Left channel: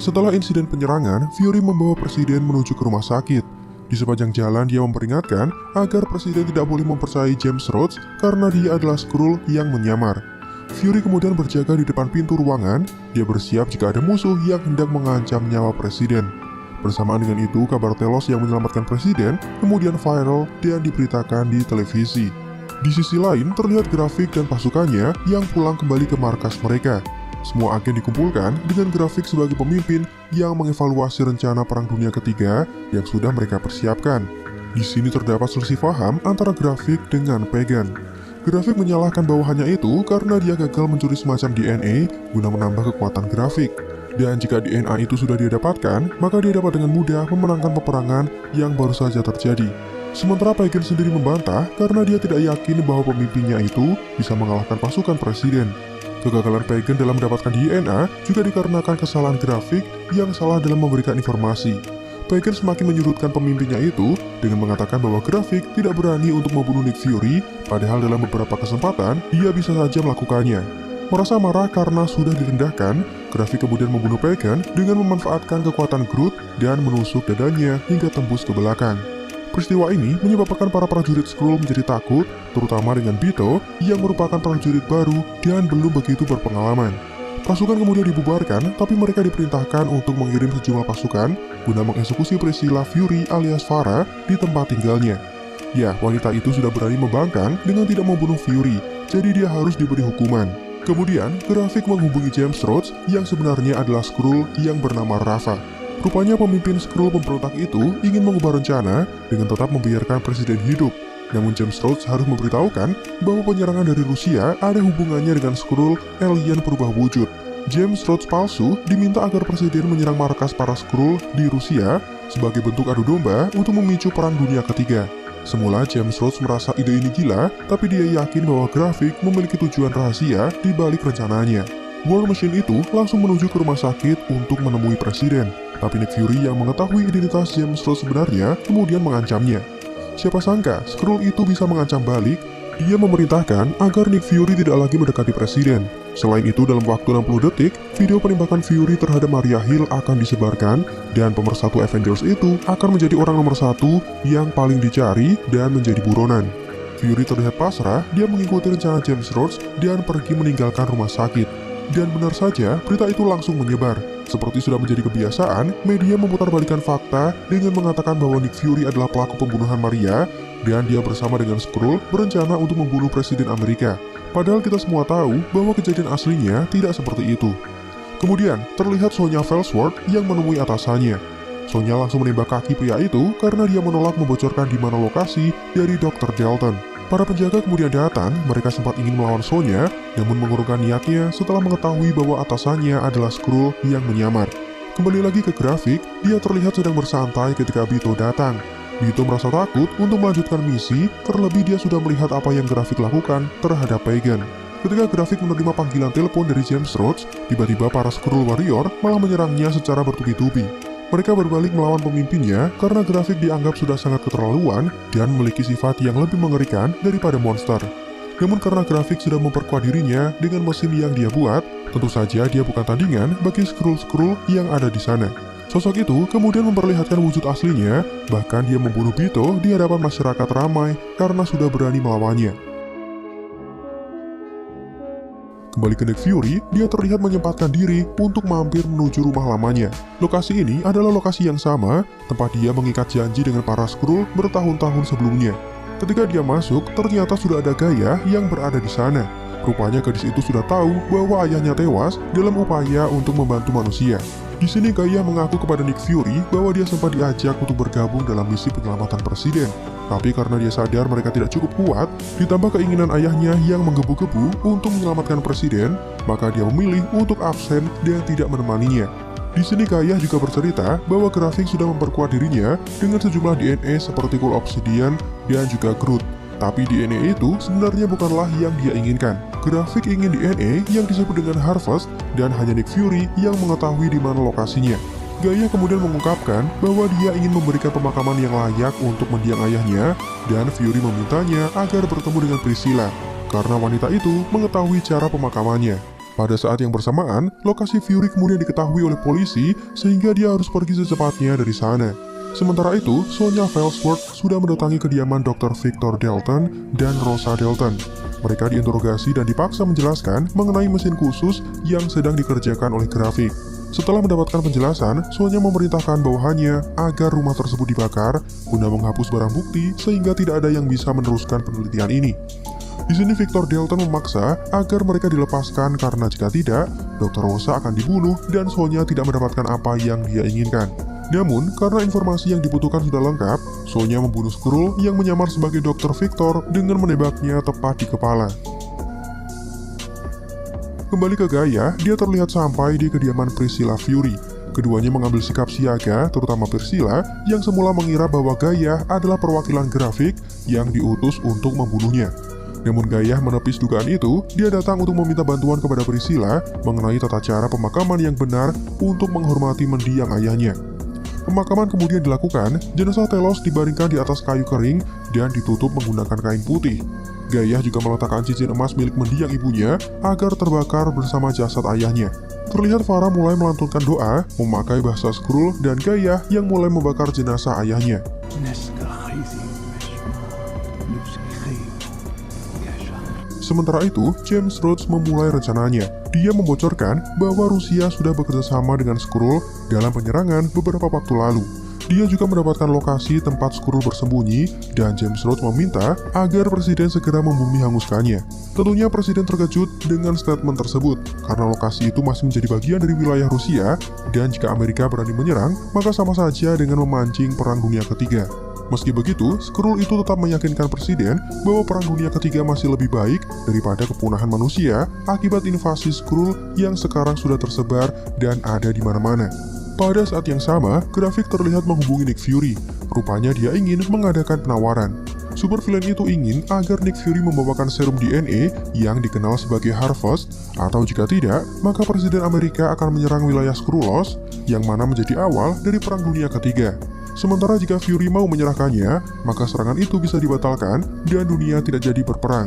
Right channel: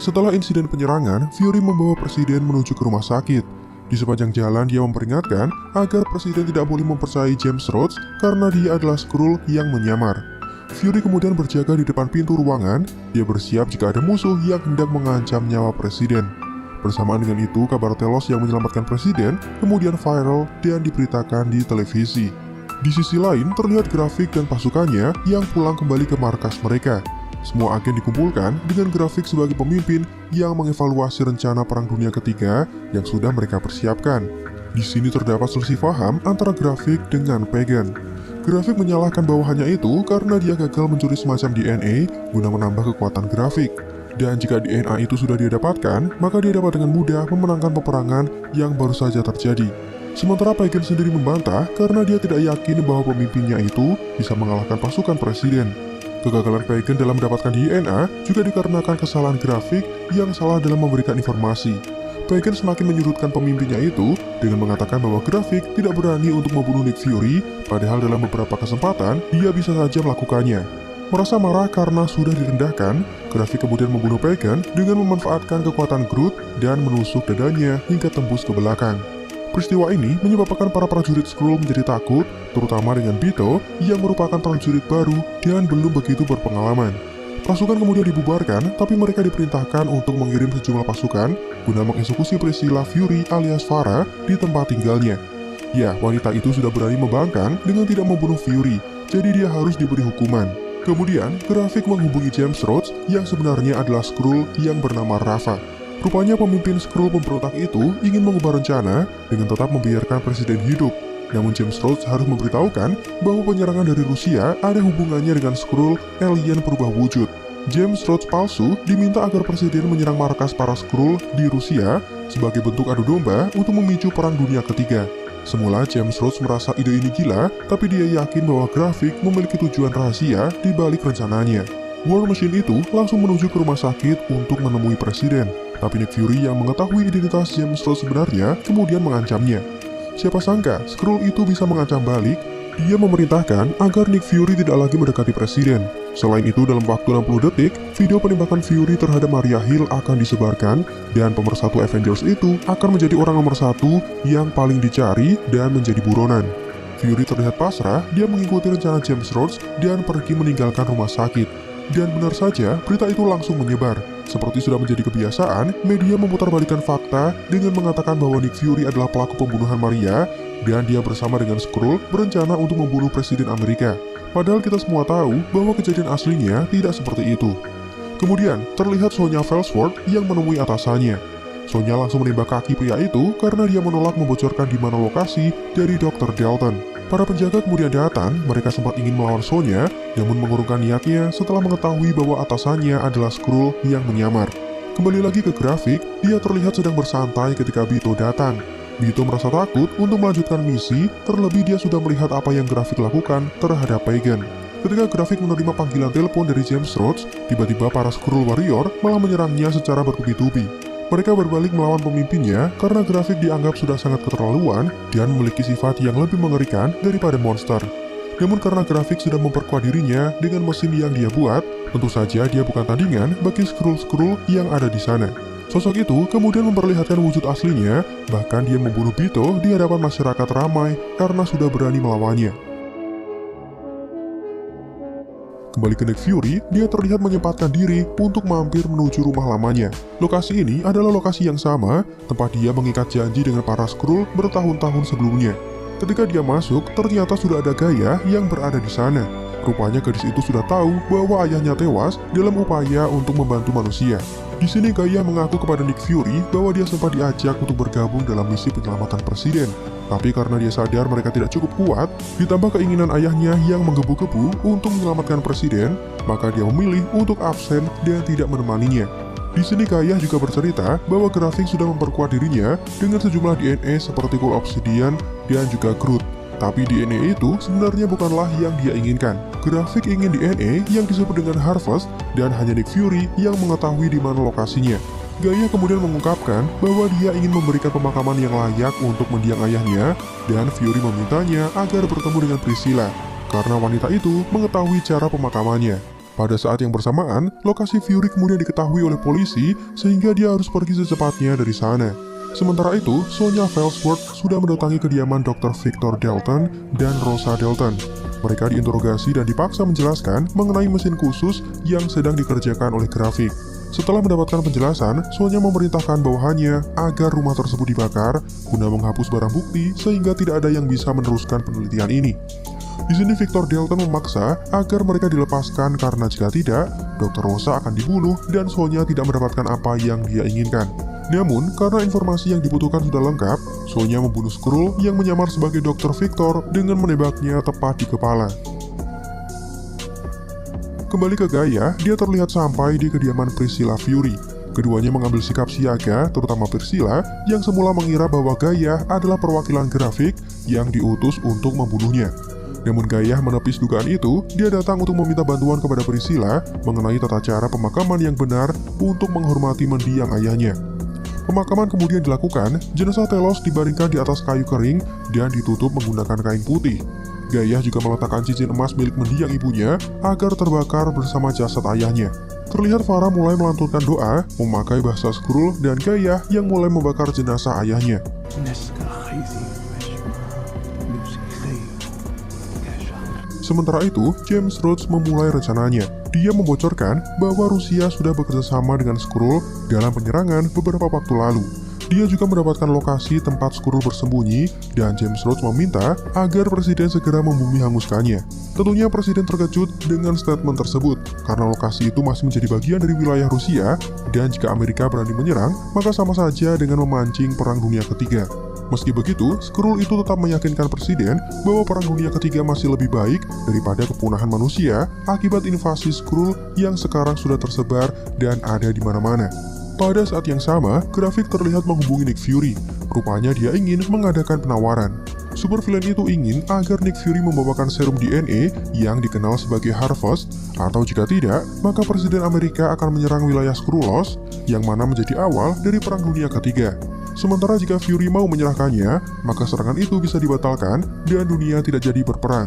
Setelah insiden penyerangan, Fury membawa Presiden menuju ke rumah sakit. Di sepanjang jalan dia memperingatkan agar Presiden tidak boleh mempercayai James Rhodes karena dia adalah Skrull yang menyamar. Fury kemudian berjaga di depan pintu ruangan, dia bersiap jika ada musuh yang hendak mengancam nyawa Presiden. Bersamaan dengan itu, kabar Telos yang menyelamatkan Presiden kemudian viral dan diberitakan di televisi. Di sisi lain, terlihat grafik dan pasukannya yang pulang kembali ke markas mereka. Semua agen dikumpulkan dengan grafik sebagai pemimpin yang mengevaluasi rencana Perang Dunia Ketiga yang sudah mereka persiapkan. Di sini terdapat selisih paham antara grafik dengan Pagan. Grafik menyalahkan bawahannya itu karena dia gagal mencuri semacam DNA guna menambah kekuatan grafik. Dan jika DNA itu sudah dia dapatkan, maka dia dapat dengan mudah memenangkan peperangan yang baru saja terjadi. Sementara Pagan sendiri membantah karena dia tidak yakin bahwa pemimpinnya itu bisa mengalahkan pasukan Presiden. Kegagalan Pagan dalam mendapatkan DNA juga dikarenakan kesalahan grafik yang salah dalam memberikan informasi. Pagan semakin menyudutkan pemimpinnya itu dengan mengatakan bahwa grafik tidak berani untuk membunuh Nick Fury, padahal dalam beberapa kesempatan dia bisa saja melakukannya. Merasa marah karena sudah direndahkan, grafik kemudian membunuh Pagan dengan memanfaatkan kekuatan Groot dan menusuk dadanya hingga tembus ke belakang. Peristiwa ini menyebabkan para prajurit Skrull menjadi takut, terutama dengan Bito yang merupakan prajurit baru dan belum begitu berpengalaman. Pasukan kemudian dibubarkan, tapi mereka diperintahkan untuk mengirim sejumlah pasukan guna mengeksekusi Priscilla Fury alias Farah di tempat tinggalnya. Ya, wanita itu sudah berani membangkang dengan tidak membunuh Fury, jadi dia harus diberi hukuman. Kemudian, grafik menghubungi James Rhodes yang sebenarnya adalah Skrull yang bernama Rafa. Rupanya pemimpin Skrull pemberontak itu ingin mengubah rencana dengan tetap membiarkan Presiden hidup. Namun James Rhodes harus memberitahukan bahwa penyerangan dari Rusia ada hubungannya dengan Skrull alien berubah wujud. James Rhodes palsu diminta agar Presiden menyerang markas para Skrull di Rusia sebagai bentuk adu domba untuk memicu Perang Dunia Ketiga. Semula James Rhodes merasa ide ini gila, tapi dia yakin bahwa grafik memiliki tujuan rahasia di balik rencananya. War Machine itu langsung menuju ke rumah sakit untuk menemui Presiden. Tapi Nick Fury yang mengetahui identitas James Rhodes sebenarnya kemudian mengancamnya. Siapa sangka Skrull itu bisa mengancam balik. Dia memerintahkan agar Nick Fury tidak lagi mendekati Presiden. Selain itu, dalam waktu 60 detik, video penembakan Fury terhadap Maria Hill akan disebarkan, dan pemersatu Avengers itu akan menjadi orang nomor satu yang paling dicari dan menjadi buronan. Fury terlihat pasrah, dia mengikuti rencana James Rhodes dan pergi meninggalkan rumah sakit. Dan benar saja, berita itu langsung menyebar. Seperti sudah menjadi kebiasaan, media memutarbalikkan fakta dengan mengatakan bahwa Nick Fury adalah pelaku pembunuhan Maria, dan dia bersama dengan Skrull berencana untuk membunuh Presiden Amerika. Padahal kita semua tahu bahwa kejadian aslinya tidak seperti itu. Kemudian, terlihat Sonya Fellsworth yang menemui atasannya. Sonya langsung menembak kaki pria itu karena dia menolak membocorkan di mana lokasi dari Dr. Dalton. Para penjaga kemudian datang, mereka sempat ingin melawan Sonya, namun mengurungkan niatnya setelah mengetahui bahwa atasannya adalah Skrull yang menyamar. Kembali lagi ke grafik, dia terlihat sedang bersantai ketika Bito datang. Bito merasa takut untuk melanjutkan misi, terlebih dia sudah melihat apa yang grafik lakukan terhadap Pagan. Ketika grafik menerima panggilan telepon dari James Rhodes, tiba-tiba para Skrull Warrior malah menyerangnya secara bertubi-tubi. Mereka berbalik melawan pemimpinnya karena grafik dianggap sudah sangat keterlaluan dan memiliki sifat yang lebih mengerikan daripada monster. Namun karena grafik sudah memperkuat dirinya dengan mesin yang dia buat, tentu saja dia bukan tandingan bagi Skrull-Skrull yang ada di sana. Sosok itu kemudian memperlihatkan wujud aslinya, bahkan dia membunuh Bito di hadapan masyarakat ramai karena sudah berani melawannya. Kembali ke Nick Fury, dia terlihat menyempatkan diri untuk mampir menuju rumah lamanya. Lokasi ini adalah lokasi yang sama, tempat dia mengikat janji dengan para Skrull bertahun-tahun sebelumnya. Ketika dia masuk, ternyata sudah ada Gaia yang berada di sana. Rupanya gadis itu sudah tahu bahwa ayahnya tewas dalam upaya untuk membantu manusia. Di sini Gaia mengaku kepada Nick Fury bahwa dia sempat diajak untuk bergabung dalam misi penyelamatan Presiden. Tapi karena dia sadar mereka tidak cukup kuat, ditambah keinginan ayahnya yang menggebu-gebu untuk menyelamatkan Presiden, maka dia memilih untuk absen dan tidak menemaninya. Di sini Gaia juga bercerita bahwa grafik sudah memperkuat dirinya dengan sejumlah DNA seperti Cool Obsidian dan juga Groot. Tapi DNA itu sebenarnya bukanlah yang dia inginkan. Grafik ingin DNA yang disebut dengan Harvest dan hanya Nick Fury yang mengetahui di mana lokasinya. Gaia kemudian mengungkapkan bahwa dia ingin memberikan pemakaman yang layak untuk mendiang ayahnya dan Fury memintanya agar bertemu dengan Priscilla karena wanita itu mengetahui cara pemakamannya. Pada saat yang bersamaan, lokasi Fury kemudian diketahui oleh polisi sehingga dia harus pergi secepatnya dari sana. Sementara itu, Sonya Felsworth sudah mendatangi kediaman Dr. Victor Dalton dan Rosa Dalton. Mereka diinterogasi dan dipaksa menjelaskan mengenai mesin khusus yang sedang dikerjakan oleh Grafik. Setelah mendapatkan penjelasan, Sonya memerintahkan bawahannya agar rumah tersebut dibakar guna menghapus barang bukti sehingga tidak ada yang bisa meneruskan penelitian ini. Di sini Victor Dalton memaksa agar mereka dilepaskan karena jika tidak, Dr. Rosa akan dibunuh dan Sonya tidak mendapatkan apa yang dia inginkan. Namun, karena informasi yang dibutuhkan sudah lengkap, Sonya membunuh Skrull yang menyamar sebagai Dr. Victor dengan menembaknya tepat di kepala. Kembali ke Gaia, dia terlihat sampai di kediaman Priscilla Fury. Keduanya mengambil sikap siaga, terutama Priscilla, yang semula mengira bahwa Gaia adalah perwakilan Grafik yang diutus untuk membunuhnya. Namun Gaia menepis dugaan itu, dia datang untuk meminta bantuan kepada Priscilla mengenai tata cara pemakaman yang benar untuk menghormati mendiang ayahnya. Pemakaman kemudian dilakukan, jenazah Telos dibaringkan di atas kayu kering dan ditutup menggunakan kain putih. Gaia juga meletakkan cincin emas milik mendiang ibunya agar terbakar bersama jasad ayahnya. Terlihat Farah mulai melantunkan doa, memakai bahasa Skrull dan Gaia yang mulai membakar jenazah ayahnya. Sementara itu, James Rhodes memulai rencananya. Dia membocorkan bahwa Rusia sudah bekerjasama dengan Skrull dalam penyerangan beberapa waktu lalu. Dia juga mendapatkan lokasi tempat Skrull bersembunyi, dan James Rhodes meminta agar Presiden segera membumi hanguskannya. Tentunya Presiden terkejut dengan statement tersebut, karena lokasi itu masih menjadi bagian dari wilayah Rusia, dan jika Amerika berani menyerang, maka sama saja dengan memancing Perang Dunia Ketiga. Meski begitu, Skrull itu tetap meyakinkan Presiden bahwa Perang Dunia Ketiga masih lebih baik daripada kepunahan manusia akibat invasi Skrull yang sekarang sudah tersebar dan ada di mana-mana. Pada saat yang sama, Grafik terlihat menghubungi Nick Fury. Rupanya dia ingin mengadakan penawaran. Supervillain itu ingin agar Nick Fury membawakan serum DNA yang dikenal sebagai Harvest, atau jika tidak, maka Presiden Amerika akan menyerang wilayah Skrullos, yang mana menjadi awal dari Perang Dunia Ketiga. Sementara jika Fury mau menyerahkannya, maka serangan itu bisa dibatalkan dan dunia tidak jadi berperang.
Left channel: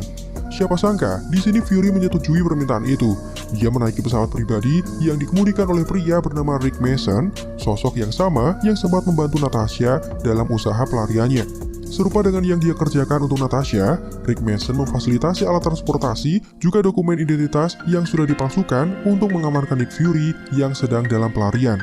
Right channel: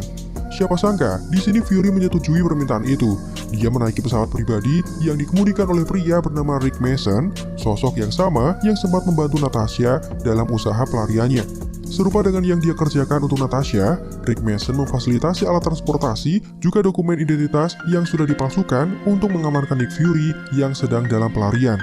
Siapa sangka, di sini Fury menyetujui permintaan itu. Dia menaiki pesawat pribadi yang dikemudikan oleh pria bernama Rick Mason, sosok yang sama yang sempat membantu Natasha dalam usaha pelariannya. Serupa dengan yang dia kerjakan untuk Natasha, Rick Mason memfasilitasi alat transportasi juga dokumen identitas yang sudah dipalsukan untuk mengamankan Nick Fury yang sedang dalam pelarian.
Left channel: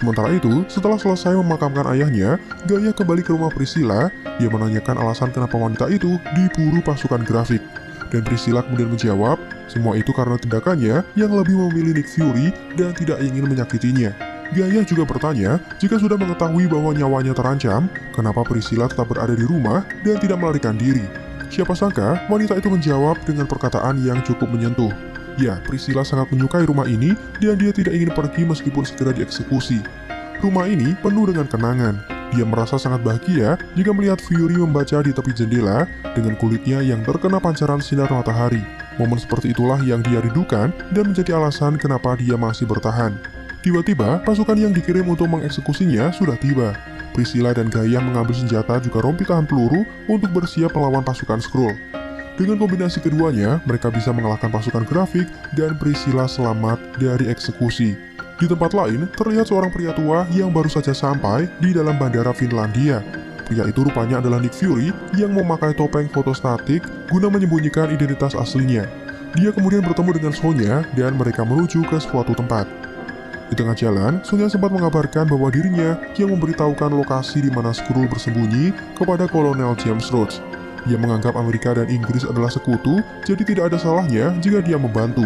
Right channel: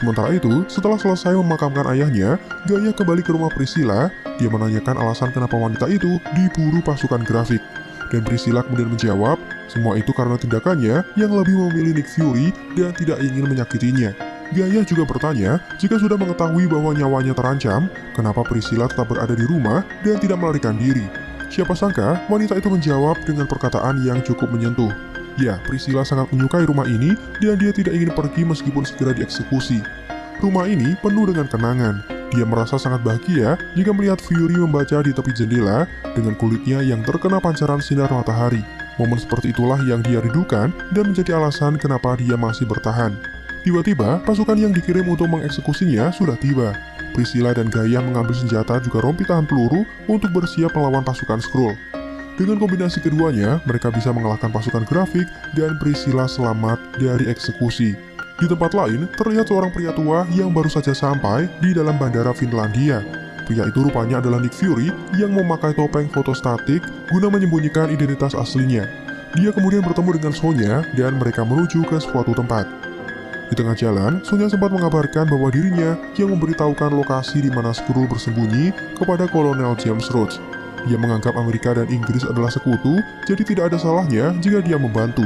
Sementara itu, setelah selesai memakamkan ayahnya, Gaia kembali ke rumah Priscilla. Dia menanyakan alasan kenapa wanita itu diburu pasukan Grafik. Dan Priscilla kemudian menjawab, semua itu karena tindakannya yang lebih memilih Nick Fury dan tidak ingin menyakitinya. Gaia juga bertanya, jika sudah mengetahui bahwa nyawanya terancam, kenapa Priscilla tetap berada di rumah dan tidak melarikan diri? Siapa sangka, wanita itu menjawab dengan perkataan yang cukup menyentuh. Ya, Priscilla sangat menyukai rumah ini dan dia tidak ingin pergi meskipun segera dieksekusi. Rumah ini penuh dengan kenangan. Dia merasa sangat bahagia jika melihat Fury membaca di tepi jendela dengan kulitnya yang terkena pancaran sinar matahari. Momen seperti itulah yang dia rindukan dan menjadi alasan kenapa dia masih bertahan. Tiba-tiba, pasukan yang dikirim untuk mengeksekusinya sudah tiba. Priscilla dan Gaia mengambil senjata juga rompi tahan peluru untuk bersiap melawan pasukan Skrull. Dengan kombinasi keduanya, mereka bisa mengalahkan pasukan Grafik dan Priscilla selamat dari eksekusi. Di tempat lain, terlihat seorang pria tua yang baru saja sampai di dalam bandara Finlandia. Pria itu rupanya adalah Nick Fury yang memakai topeng fotostatik guna menyembunyikan identitas aslinya. Dia kemudian bertemu dengan Sonya dan mereka menuju ke suatu tempat. Di tengah jalan, Sonya sempat mengabarkan bahwa dirinya yang memberitahukan lokasi di mana Skrull bersembunyi kepada Kolonel James Rhodes. Dia menganggap Amerika dan Inggris adalah sekutu, jadi tidak ada salahnya jika dia membantu.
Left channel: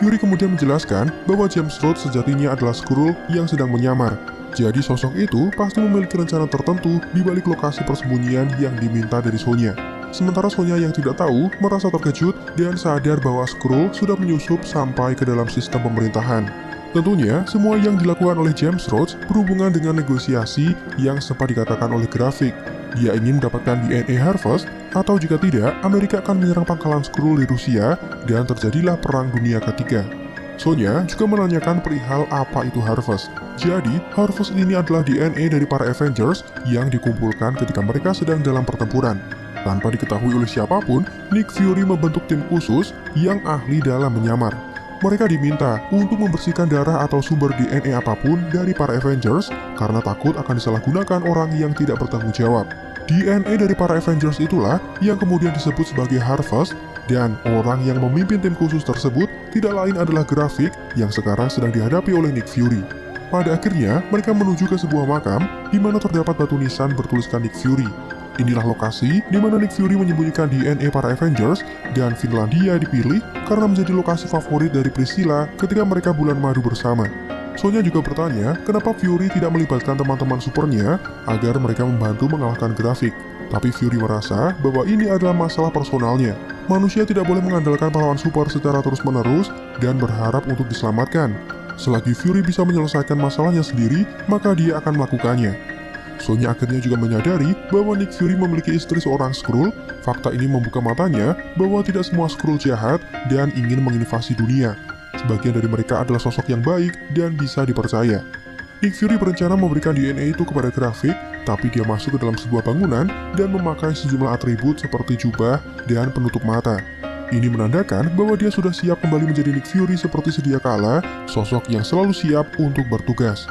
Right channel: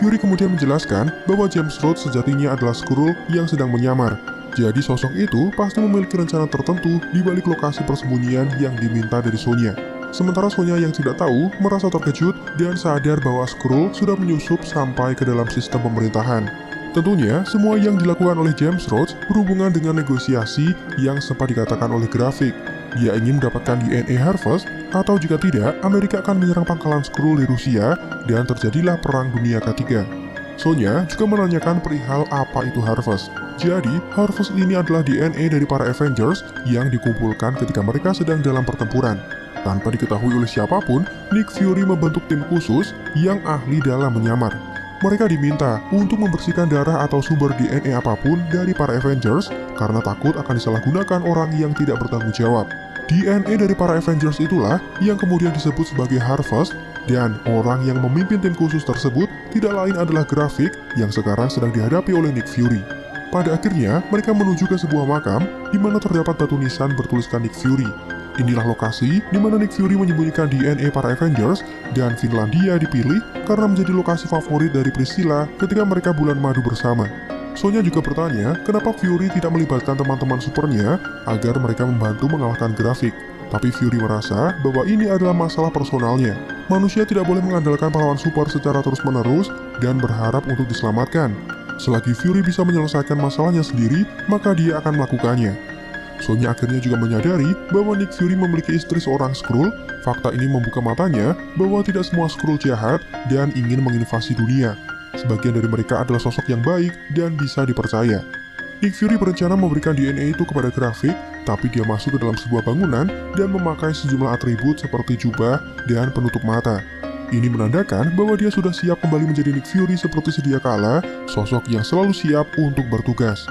Fury kemudian menjelaskan bahwa James Rhodes sejatinya adalah Skrull yang sedang menyamar. Jadi sosok itu pasti memiliki rencana tertentu di balik lokasi persembunyian yang diminta dari Sonya. Sementara Sonya yang tidak tahu merasa terkejut dan sadar bahwa Skrull sudah menyusup sampai ke dalam sistem pemerintahan. Tentunya, semua yang dilakukan oleh James Rhodes berhubungan dengan negosiasi yang sempat dikatakan oleh Grafik. Dia ingin mendapatkan DNA Harvest, atau jika tidak, Amerika akan menyerang pangkalan Skrull di Rusia, dan terjadilah Perang Dunia Ketiga. Sonya juga menanyakan perihal apa itu Harvest. Jadi, Harvest ini adalah DNA dari para Avengers yang dikumpulkan ketika mereka sedang dalam pertempuran. Tanpa diketahui oleh siapapun, Nick Fury membentuk tim khusus yang ahli dalam menyamar. Mereka diminta untuk membersihkan darah atau sumber DNA apapun dari para Avengers karena takut akan disalahgunakan orang yang tidak bertanggung jawab. DNA dari para Avengers itulah yang kemudian disebut sebagai Harvest, dan orang yang memimpin tim khusus tersebut tidak lain adalah Graphic yang sekarang sedang dihadapi oleh Nick Fury. Pada akhirnya, mereka menuju ke sebuah makam di mana terdapat batu nisan bertuliskan Nick Fury. Inilah lokasi di mana Nick Fury menyembunyikan DNA para Avengers, dan Finlandia dipilih karena menjadi lokasi favorit dari Priscilla ketika mereka bulan madu bersama. Sonya juga bertanya kenapa Fury tidak melibatkan teman-teman supernya agar mereka membantu mengalahkan Graphic. Tapi Fury merasa bahwa ini adalah masalah personalnya. Manusia tidak boleh mengandalkan pahlawan super secara terus-menerus dan berharap untuk diselamatkan. Selagi Fury bisa menyelesaikan masalahnya sendiri, maka dia akan melakukannya. Sonya akhirnya juga menyadari bahwa Nick Fury memiliki istri seorang Skrull. Fakta ini membuka matanya bahwa tidak semua Skrull jahat dan ingin menginvasi dunia. Sebagian dari mereka adalah sosok yang baik dan bisa dipercaya. Nick Fury berencana memberikan DNA itu kepada Graphic, tapi dia masuk ke dalam sebuah bangunan dan memakai sejumlah atribut seperti jubah dan penutup mata. Ini menandakan bahwa dia sudah siap kembali menjadi Nick Fury seperti sedia kala, sosok yang selalu siap untuk bertugas.